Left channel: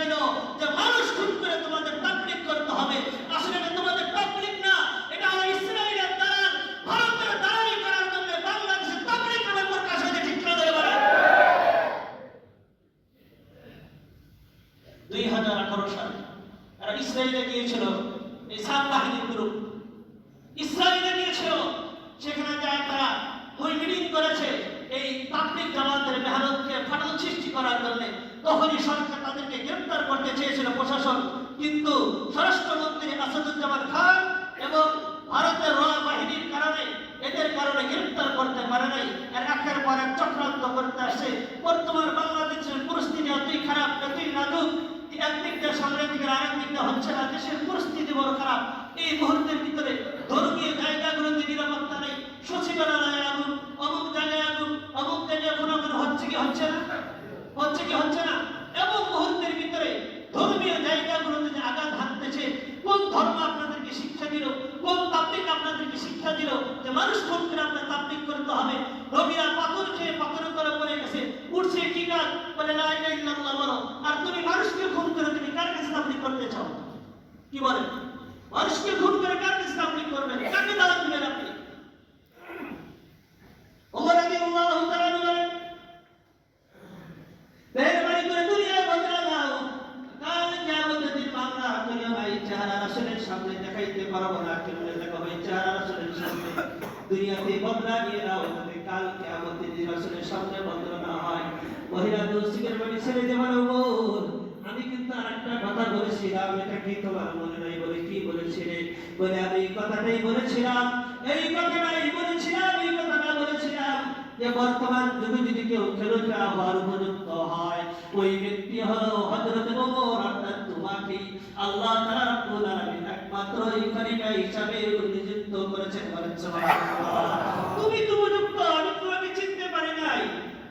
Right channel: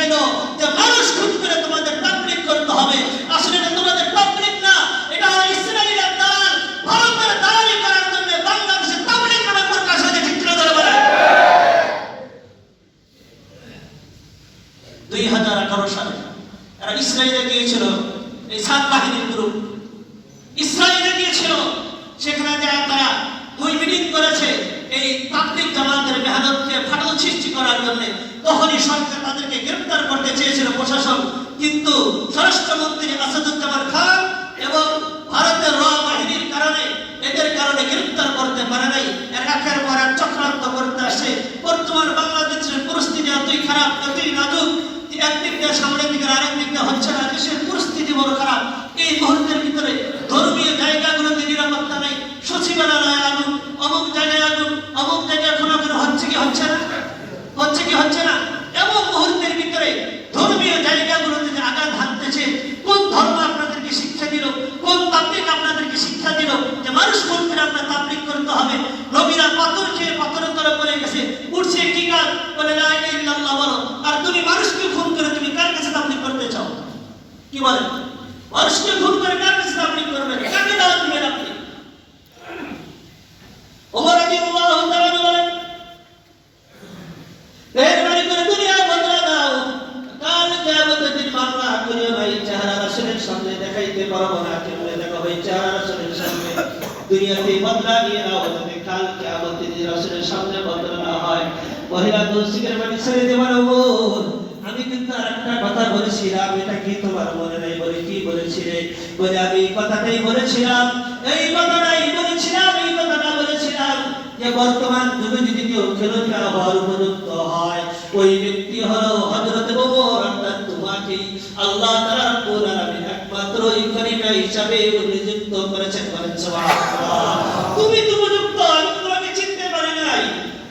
দিল যে মানুষ খুন করে তোমাদের তাবলিগ করতে হবে। আসলে এটা তোমাদের তাবলিগ না, এটা হলো ইসরায়েলের দালাল। ভারতের দালালি করার জন্য বাংলাদেশে তাবলিগ নামে প্রকাশ হয়েছে ঠিক করে ধরে বলেন দুই হাজার আঠারো সালে এরা ইসরায়েলে গিয়েছিল, এই সাত বাহিনীর গ্রুপ ইসরায়েলে গিয়েছিল, সেখানে যা তারা ওই মিটিং করেছে, এই তাবলিগ জামাতের মেহনতকে ফাটল সৃষ্টি করার জন্য। তখনই সরকার তাদেরকে গ্রেফতার করতে চেয়েছিল প্রশাসন। কিন্তু স্বরাষ্ট্রমন্ত্রী আসাদুজ্জামান খান এবং ভারতের র বাহিনীর কারণে এদের কারণে গ্রেফতার করতে পারে নাই। এর একের পর এক চক্রান্ত করতে আসে। বর্তমান বাংলাদেশের পরিস্থিতি এতই খারাপ, এতই নাজুক একদিক দিয়ে সামনের দিকে আরেক দিক দিয়ে হচ্ছে না। দেশের পরিস্থিতি বড় খারাপ। এই মুহূর্তের ভিতরে ধর্মীয় জায়গাগুলোতে নিরাপত্তা নেই। সচিবালয় আগুন, অমুক জায়গায় আগুন, অমুক জায়গায় খোনাখুনি হচ্ছে কি হচ্ছে না হচ্ছে কি হচ্ছে না এমন মুহূর্তের ভিতরে ধর্মীয় জায়গাগুলোতে যে আঘাত হানতেছে কোন ধর্ম আপনাদেরকে শিক্ষা দিল কোন তাবলিক আপনাদেরকে দিল যে মানুষ করে আপনার তাবলিক করতে হবে। নবীরা পাথর খেয়ে পাথরের তলে পড়ে গেছে। উঠছে কি গান বলে ইলাহা ইল্লাল্লাহ বলো। আর তুমি মানুষকে খুন করে তুমি কার কাছে তাবলিক করতে চাও? কি বলেন মানুষকে খুন করে কার কাছে তাবলিক করবেন কাকে দাওয়াত দিবেন আপনি? ওমর রাদিয়াল্লাহু তাআলা বলেন, মেহরবানি করে দুনিয়া বদলা দাও। কাল কিয়ামতের দিন মামলা করে ভাই চেহারা রাসূলের সামনে দেখাইতে পারব না। দুনিয়াতে বদলা নিয়ে নাও যাতে কাল কিয়ামতের দিন রাসূলের সামনে বদলা না হয়, মহিলা দোষীদের বাড়ি ছেড়ে দেবার ওমর আমি কিন্তু আর একটা কথা বলেছিলাম, এটা কি তোমার মনে নাই বলে কি বলেছিলে? বলে আমি এই কথাটাই বলেছিলাম, এই কথাটাই বলেছিলাম, এই কথাটা বলেছিলাম যে বর্তমান যুগে যদি কেউ খেলোয়াড় হওয়ার উপযুক্ত হয়, ওই ব্যক্তি হলো হযরত হিসাবে নিযুক্ত করেছেন বলেন তুমি তো উপযুক্ত আমি তোমাকে চিনতে পারি নাই।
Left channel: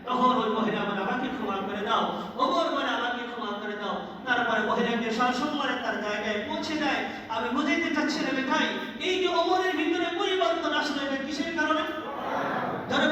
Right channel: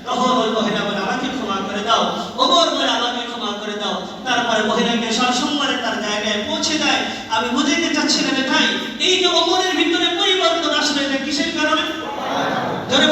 তখন ওই মহিলা বলে, আমাকে ক্ষমা করে দাও। ওমর বলে, আমাকে ক্ষমা করে দাও। তারপরে মহিলাকে সসম্মানে তার জায়গায় পৌঁছে দেয়। আমি বুঝাইতে চাচ্ছিলাম এটাই। এই যে ওমরের ভিতরে পরিবর্তন আসলে, এটা কিসের কারণে? ধরে